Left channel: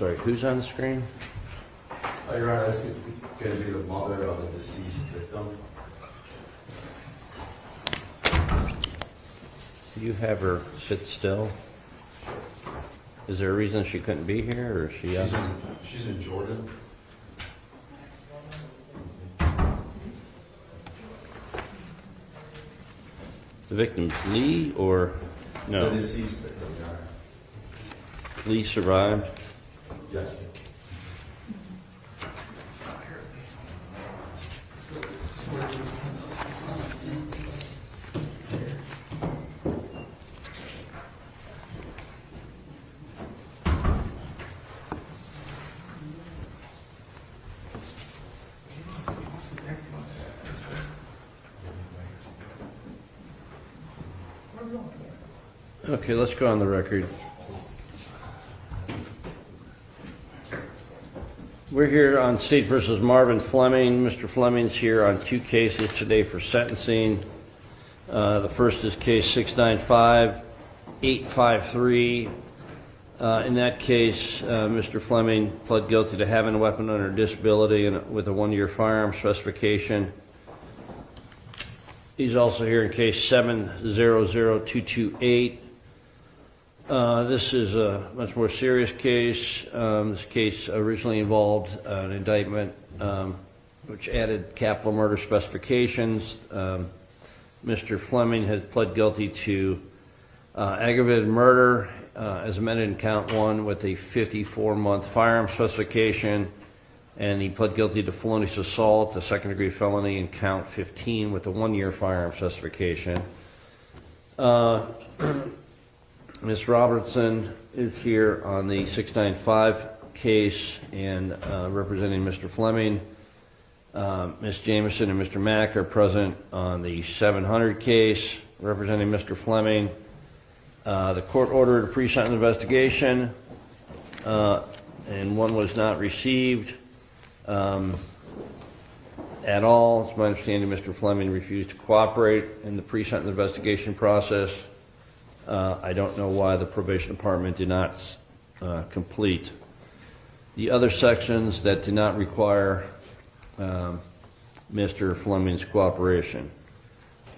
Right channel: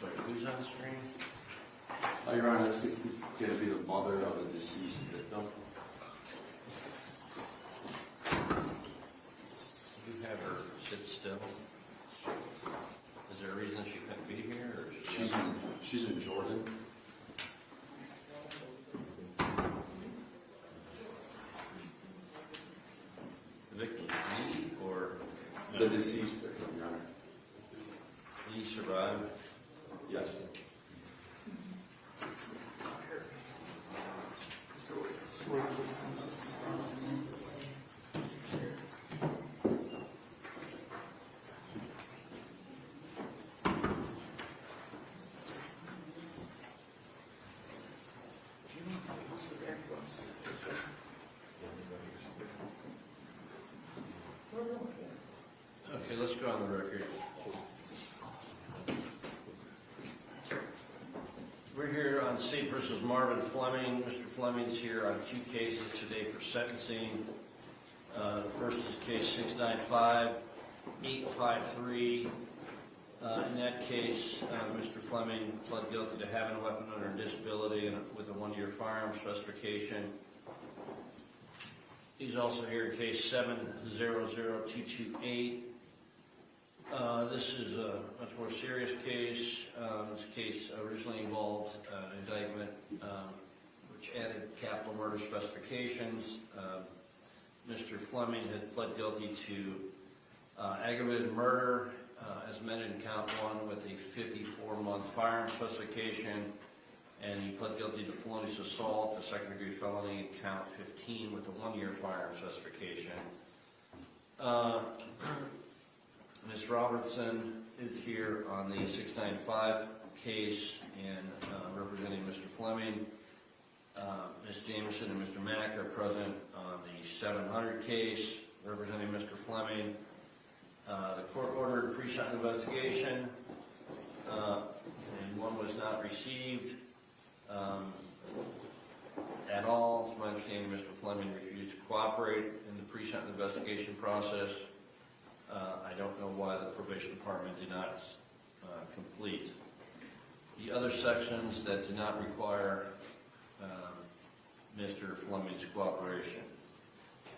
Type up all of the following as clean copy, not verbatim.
sorry, who's on the screen? Your Honor, that's going to be the mother of the deceased victim. Do you have her sit still? Is there a reason she couldn't be here, or is she? She's in Jordan. The victim's Lee, or no? The deceased victim, Your Honor. Lee survived. Yes. Okay, let's go on the record. We're here on State versus Marvin Fleming. Mr. Fleming's here on two cases today for sentencing. The first is case 695-853. In that case, Mr. Fleming pled guilty to having a weapon under disability and with a 1-year firearm specification. He's also here in case 700-228. This is a much more serious case. This case originally involved an indictment which added capital murder specifications. Mr. Fleming has pled guilty to aggravated murder as amended in count 1 with a 54-month firearm specification, and he pled guilty to felonious assault, a second-degree felony in count 15 with a 1-year firearm specification. Ms. Robertson is here on the 695 case and representing Mr. Fleming. Ms. Jameson and Mr. Mack are present on the 700 case representing Mr. Fleming. The court ordered a pre-sentence investigation and one was not received at all. It's my understanding Mr. Fleming refused to cooperate in the pre-sentence investigation process. I don't know why the probation department did not complete the other sections that did not require Mr. Fleming's cooperation.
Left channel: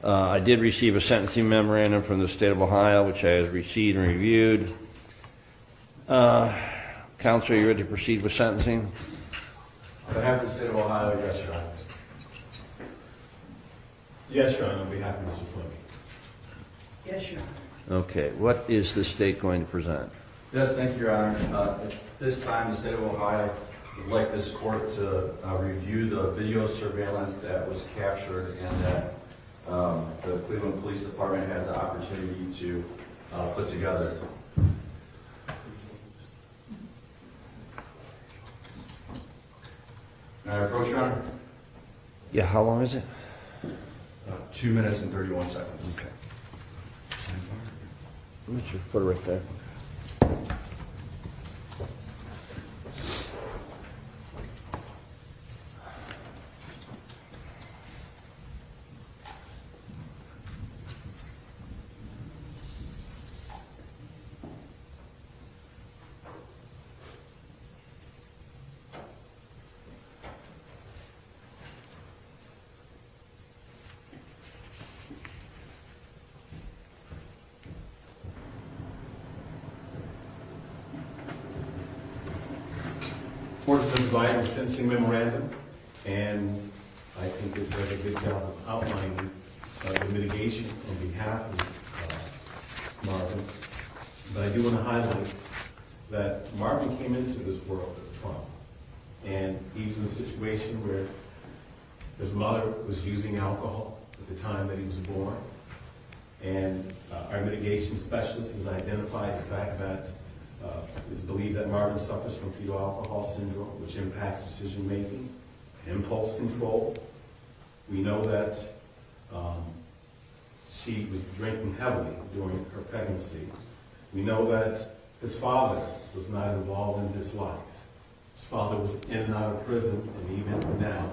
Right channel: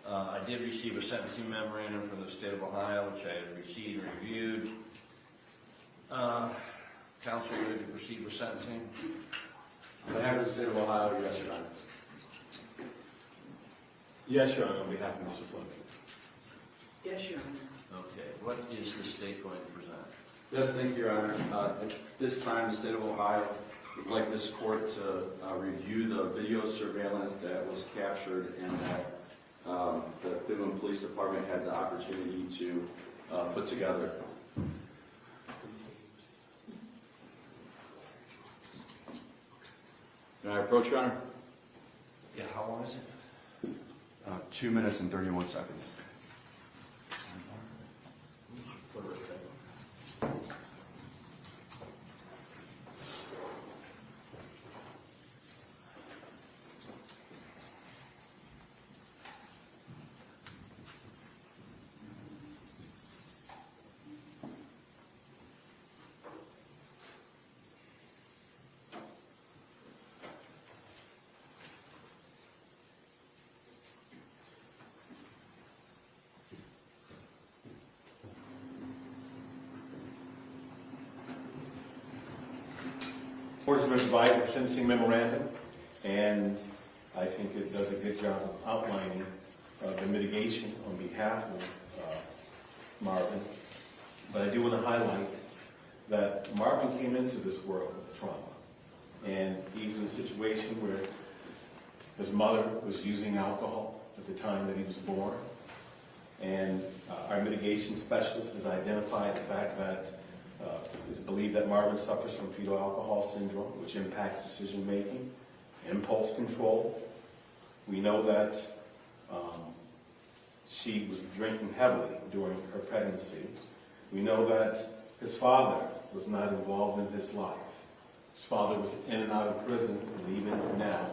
I did receive a sentencing memorandum from the state of Ohio, which I have received and reviewed. Counsel, are you ready to proceed with sentencing? On behalf of the state of Ohio, yes, Your Honor. Yes, Your Honor, on behalf of Mr. Fleming. Yes, Your Honor. Okay, what is the state going to present? Yes, thank you, Your Honor. At this time, the state of Ohio would like this court to review the video surveillance that was captured and that the Cleveland Police Department had the opportunity to put together. May I approach, Your Honor? Yeah, how long is it? 2 minutes and 31 seconds. Okay. Let me just put it right there. Court's been provided a sentencing memorandum, and I think it does a good job of outlining the mitigation on behalf of Marvin. But I do want to highlight that Marvin came into this world with trauma, and he was in a situation where his mother was using alcohol at the time that he was born, and our mitigation specialist has identified the fact that it's believed that Marvin suffers from fetal alcohol syndrome, which impacts decision-making, impulse control. We know that she was drinking heavily during her pregnancy. We know that his father was not involved in his life. His father was in and out of prison, and even now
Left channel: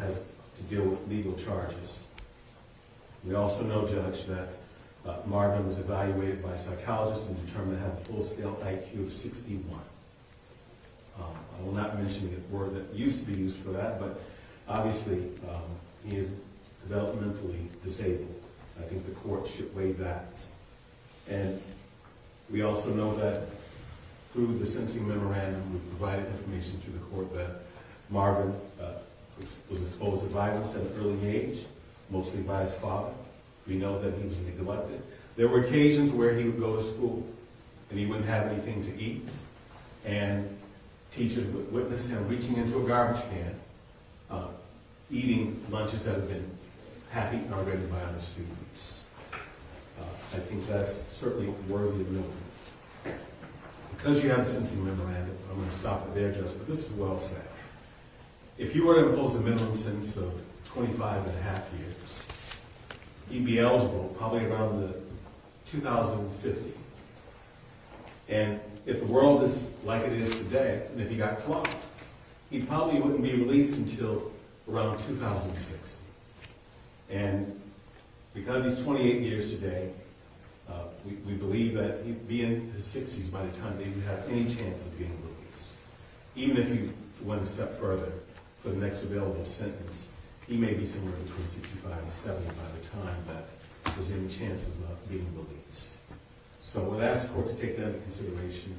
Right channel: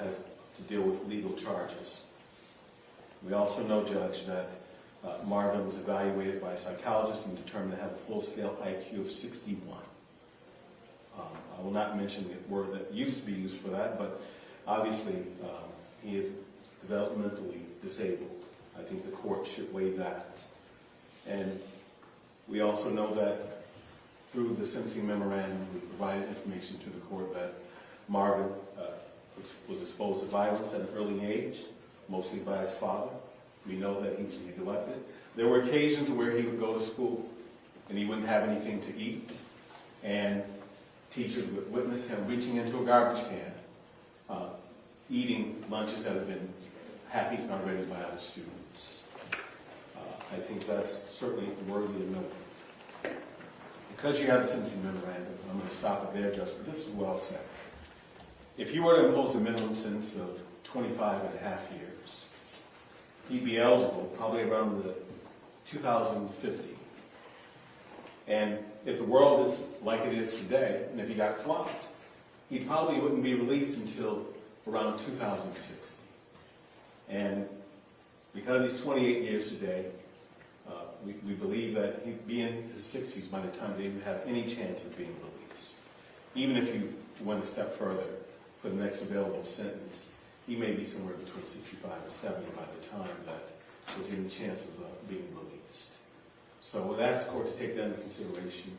has to deal with legal charges. We also know, Judge, that Marvin was evaluated by a psychologist and determined to have a full-scale IQ of 61. I will not mention the word that used to be used for that, but obviously he is developmentally disabled. I think the court should weigh that. And we also know that through the sentencing memorandum, we provided information to the court that Marvin was exposed to violence at an early age, mostly by his father. We know that he was neglected. There were occasions where he would go to school and he wouldn't have anything to eat, and teachers would witness him reaching into a garbage can, eating lunches that had been half-eaten already by other students. I think that's certainly worthy of note. Because you have a sentencing memorandum, I'm going to stop it there, Judge, but this is well said. If you were to impose a minimum sentence of 25 and a half years, he'd be eligible probably around the 2050. And if the world is like it is today, and if he got caught, he probably wouldn't be released until around 2060. And because he's 28 years today, we believe that he'd be in his 60s by the time they would have any chance of being released. Even if you went a step further for the next available sentence, he may be somewhere between 65 and 70 by the time that there's any chance of being released. So we'll ask the court to take that into consideration.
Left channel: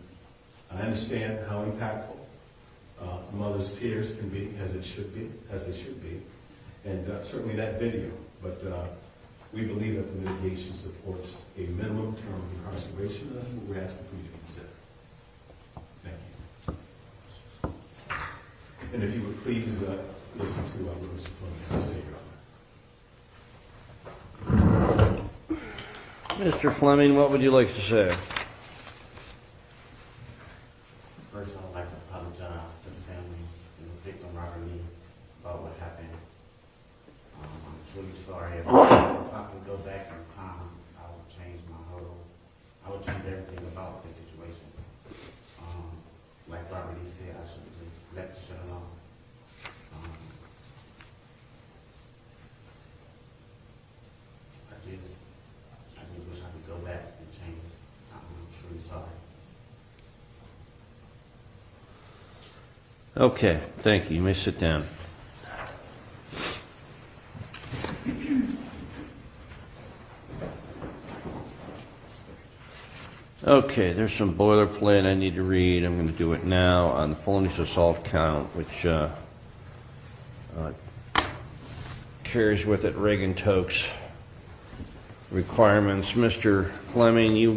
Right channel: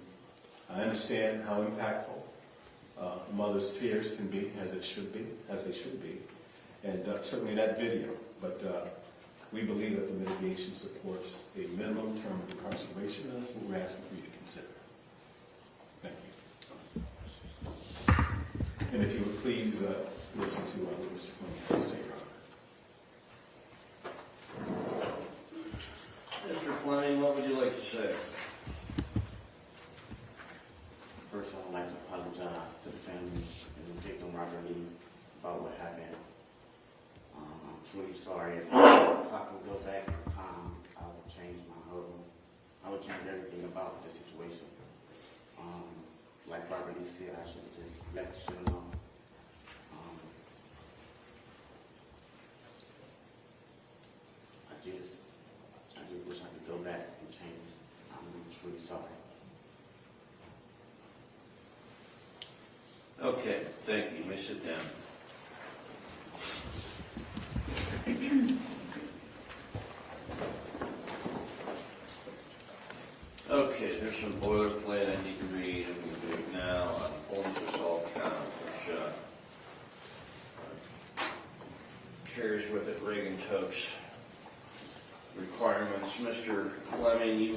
I understand how impactful a mother's tears can be, as they should be, and certainly that video. But we believe that the mitigation supports a minimum term of incarceration, and that's what we're asking for you to consider. Thank you. And if you would please listen to what Mr. Fleming has to say, Your Honor. Mr. Fleming, what would you like to say? First, I would like to apologize to the family and the victim, Robert Lee, about what happened. I'm truly sorry. If I can go back in time, I would change I would change everything about the situation. Like Robert Lee said, I should have just let the shit alone. I just wish I could go back and change. I'm truly sorry. Okay, thank you. You may sit down. Okay, there's some boilerplate I need to read. I'm going to do it now on the felonious assault count, which carries with it Reagan-Tokes requirements. Mr. Fleming, you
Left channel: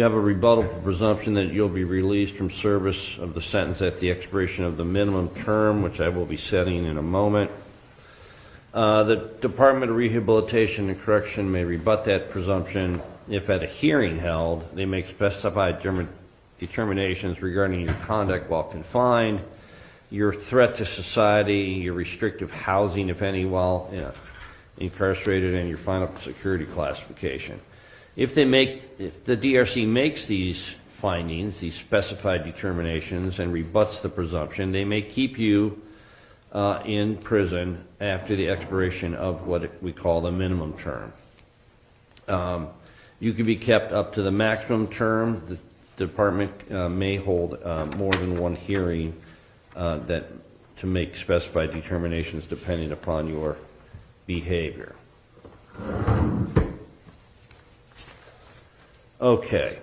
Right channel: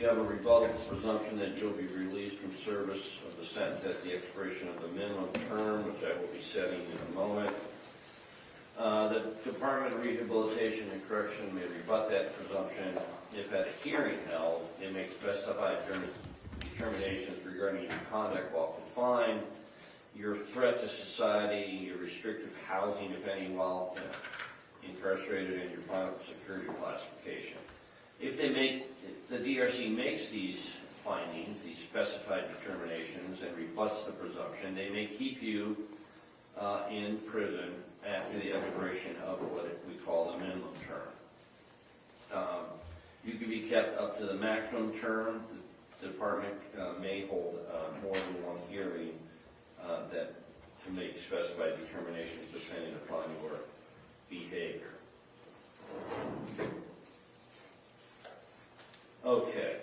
have a rebuttal presumption that you'll be released from service of the sentence at the expiration of the minimum term, which I will be setting in a moment. The Department of Rehabilitation and Correction may rebut that presumption if at a hearing held, they make specified determinations regarding your conduct while confined, your threat to society, your restrictive housing, if any, while incarcerated, and your final security classification. If the DRC makes these findings, these specified determinations, and rebuts the presumption, they may keep you in prison after the expiration of what we call the minimum term. You can be kept up to the maximum term. The department may hold more than one hearing to make specified determinations depending upon your behavior. Okay,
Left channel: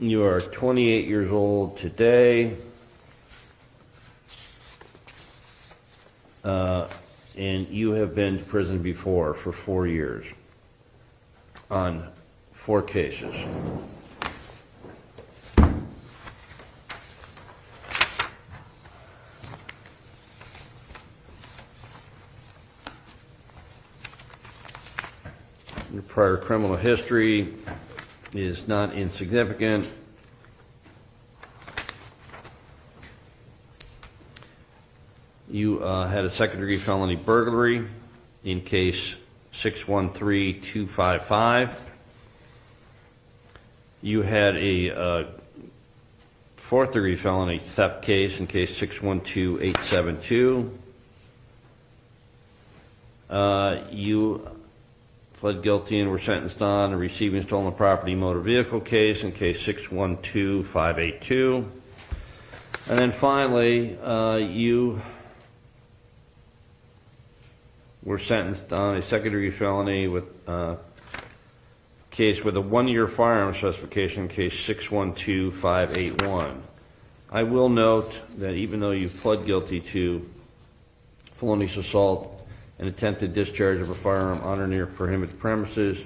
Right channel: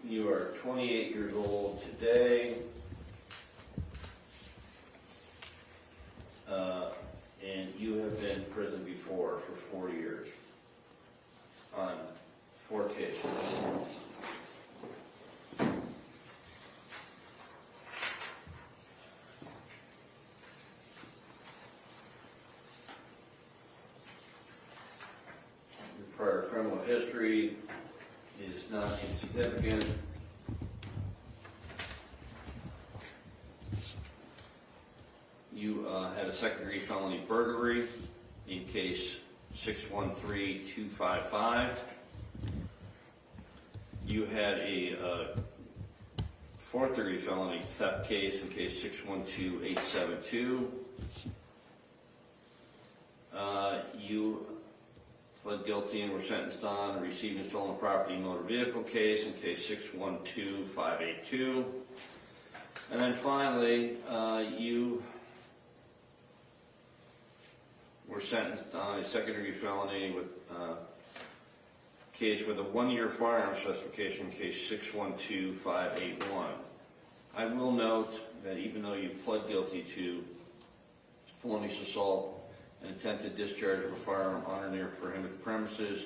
you are 28 years old today, and you have been to prison before for 4 years on 4 cases. Your prior criminal history is not insignificant. You had a second-degree felony burglary in case 613-255. You had a fourth-degree felony theft case in case 612-872. You pled guilty and were sentenced on a receiving stolen property motor vehicle case in case 612-582. And then finally, you were sentenced on a second-degree felony with case with a 1-year firearm specification, case 612581. I will note that even though you pled guilty to felonious assault and attempted discharge of a firearm on or near prohibited premises,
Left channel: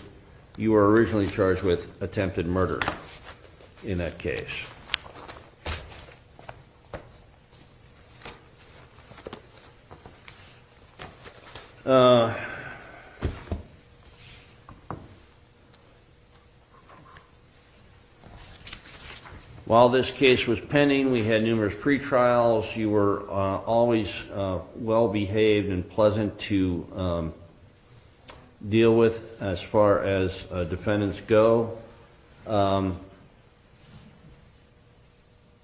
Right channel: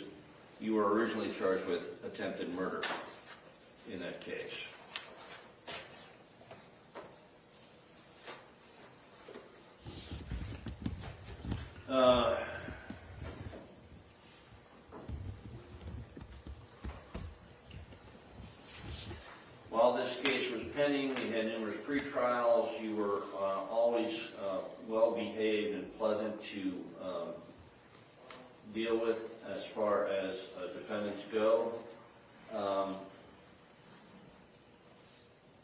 you were originally charged with attempted murder in that case. While this case was pending, we had numerous pretrials. You were always well-behaved and pleasant to deal with as far as defendants go. I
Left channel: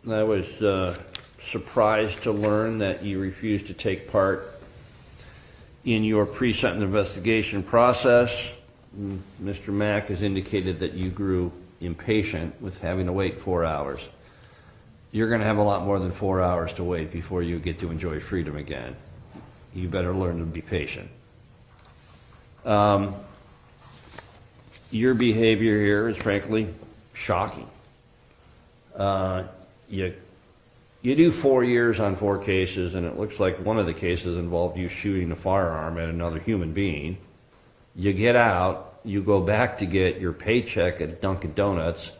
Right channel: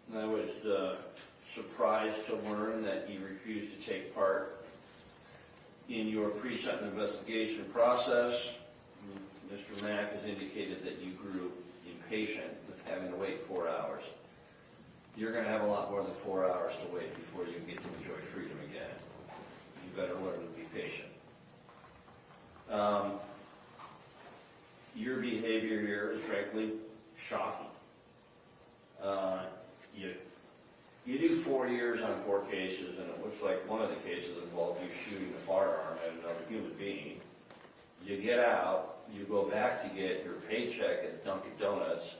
was surprised to learn that you refused to take part in your pre-sentence investigation process. Mr. Mack has indicated that you grew impatient with having to wait 4 hours. You're going to have a lot more than 4 hours to wait before you get to enjoy freedom again. You better learn to be patient. Your behavior here is frankly shocking. You do 4 years on 4 cases, and it looks like one of the cases involved you shooting a firearm at another human being. You get out, you go back to get your paycheck at Dunkin' Donuts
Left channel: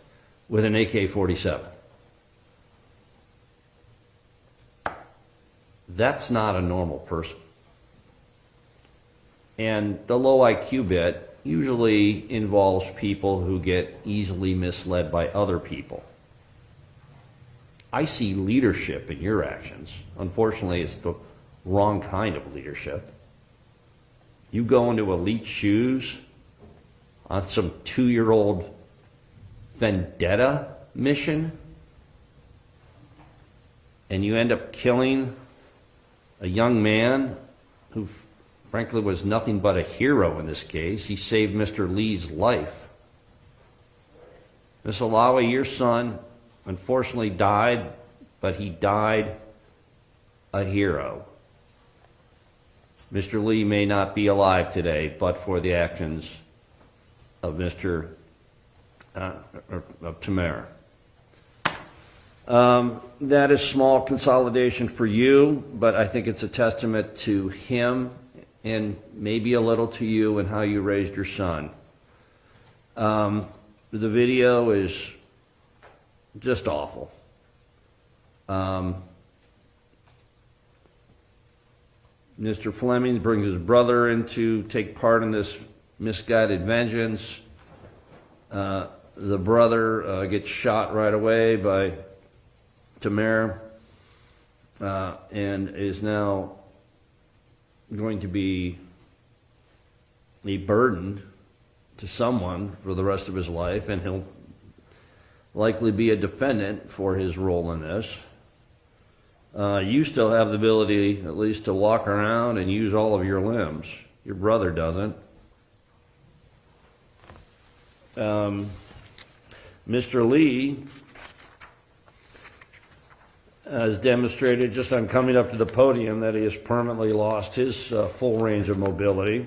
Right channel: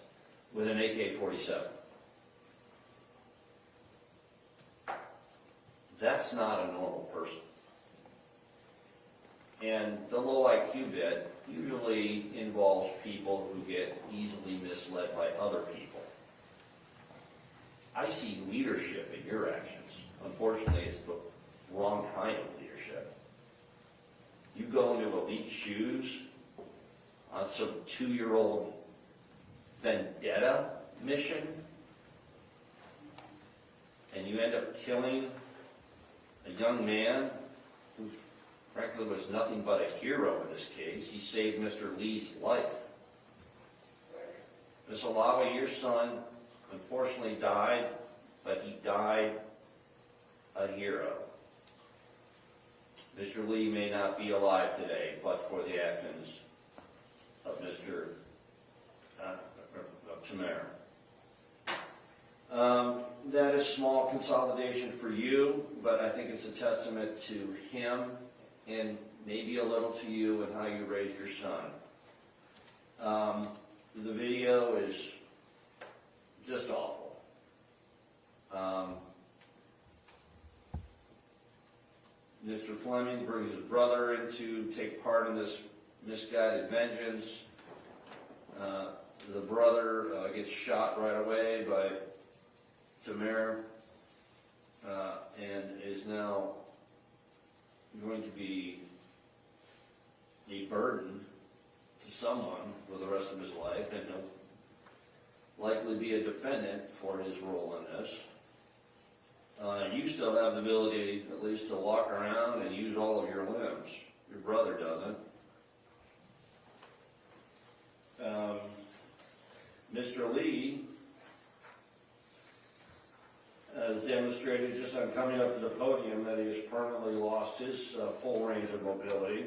with an AK-47. That's not a normal person. And the low IQ bit usually involves people who get easily misled by other people. I see leadership in your actions. Unfortunately, it's the wrong kind of leadership. You go into elite shoes on some 2-year-old vendetta mission, and you end up killing a young man who frankly was nothing but a hero in this case. He saved Mr. Lee's life. Ms. Alawi, your son unfortunately died, but he died a hero. Mr. Lee may not be alive today, but for the actions of Mr. Tamara. That is small consolidation for you, but I think it's a testament to him and maybe a little to you and how you raised your son. The video is just awful. Mr. Fleming brings his brother in to take part in this misguided vengeance. The brother gets shot right away by Tamara and is now going to be a burden to someone for the rest of his life, and he'll likely be a defendant for his role in this. You still have the ability at least to walk around and use all of your limbs. Your brother doesn't. Mr. Lee has demonstrated just on coming up to the podium that he has permanently lost his full range of mobility.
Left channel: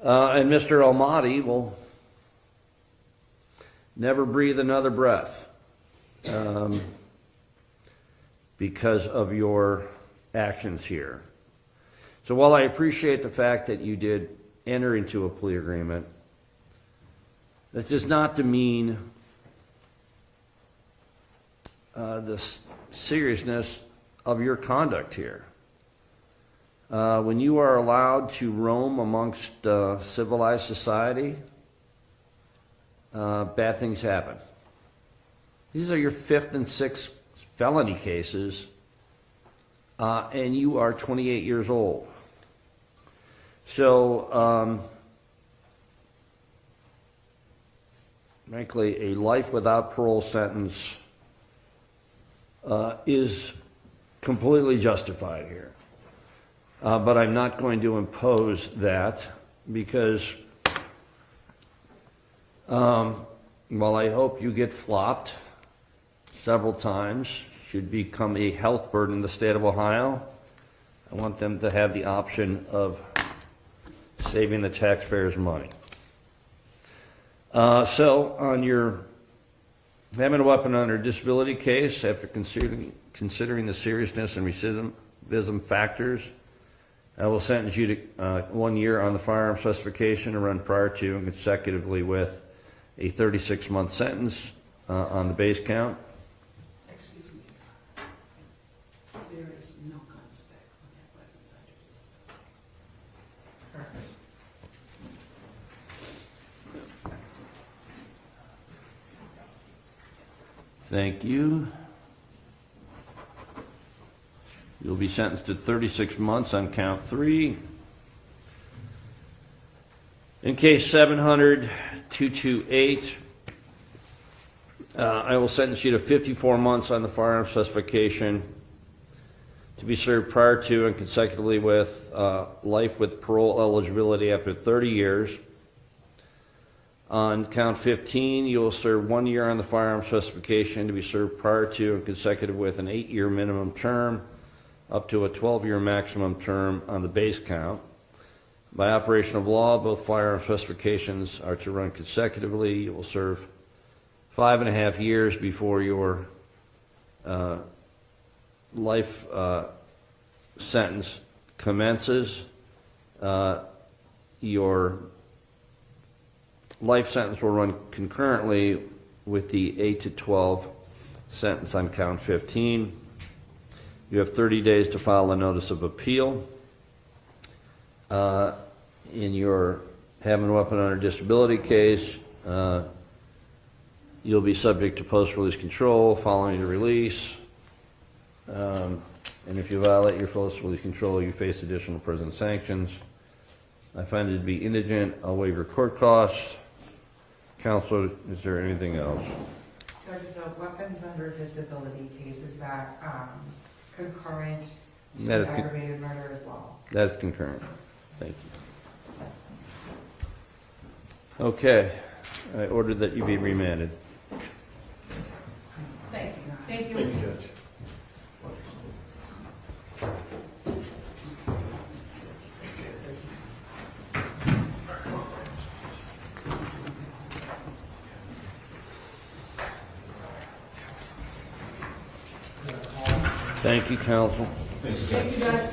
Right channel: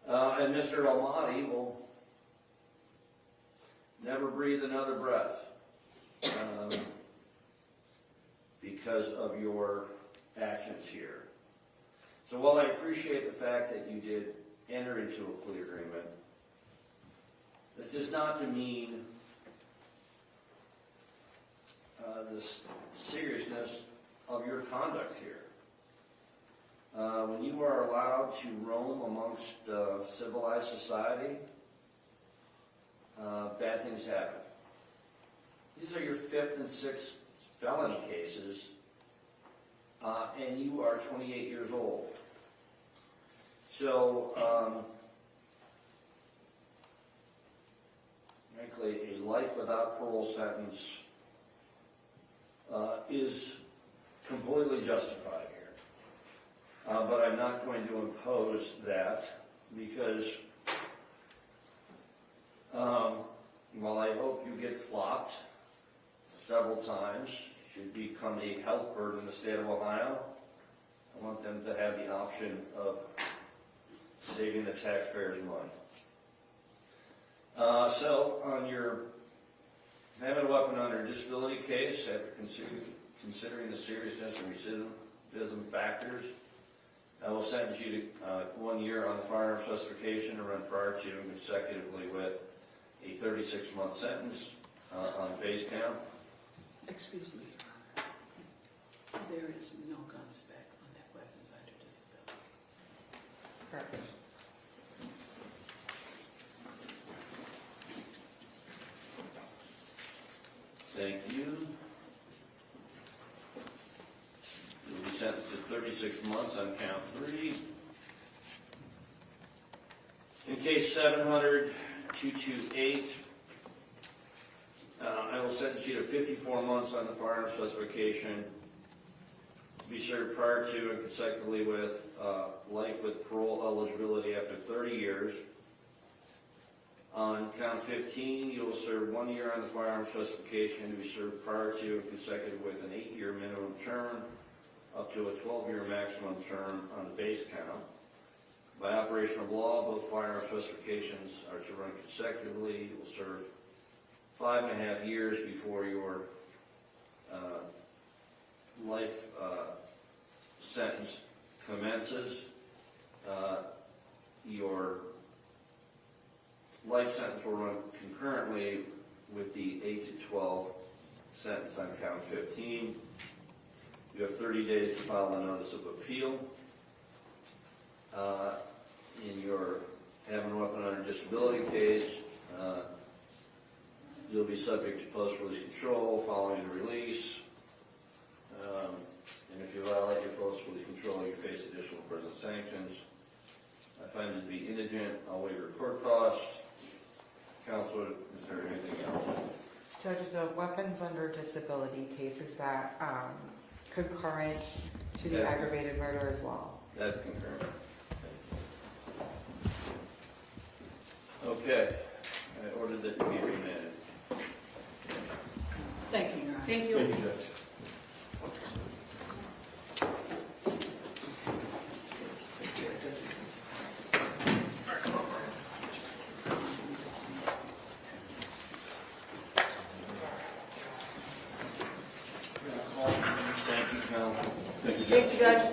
And Mr. Almaty will never breathe another breath because of your actions here. So while I appreciate the fact that you did enter into a plea agreement, that does not demean the seriousness of your conduct here. When you are allowed to roam amongst civilized society, bad things happen. These are your 5th and 6th felony cases, and you are 28 years old. So, frankly, a life without parole sentence is completely justified here. But I'm not going to impose that because while I hope you get flopped several times, should become a health burden in the state of Ohio. I want them to have the option of saving the taxpayers money. So on your having a weapon under disability case, after considering the seriousness and recidivism factors, I will sentence you to 1 year on the firearm specification to run prior to and consecutively with a 36-month sentence on the base count. Excuse me, Your Honor. There is no gun spec on that weapons under disability. Perfect. Thank you. You'll be sentenced to 36 months on count 3. In case 700-228, I will sentence you to 54 months on the firearm specification to be served prior to and consecutively with life with parole eligibility after 30 years. On count 15, you will serve 1 year on the firearm specification to be served prior to and consecutive with an 8-year minimum term up to a 12-year maximum term on the base count. By operation of law, both firearm specifications are to run consecutively. You will serve 5.5 years before your life sentence commences. Your life sentence will run concurrently with the 8 to 12 sentence on count 15. You have 30 days to file a notice of appeal. In your having a weapon under disability case, you'll be subject to post-release control following the release. And if you violate your post-release control, you face additional prison sanctions. I find it to be indigent. I'll waive your court costs. Counselor, is there anything else? Judge, the weapons under disability case, is that concurrent to That is aggravated murder as well? That is concurrent. Thank you. Okay. I order that you be remanded. Thank you, Your Honor. Thank you. Thank you, Judge. Thank you, counsel. Thank you, Judge. Thank you, Judge.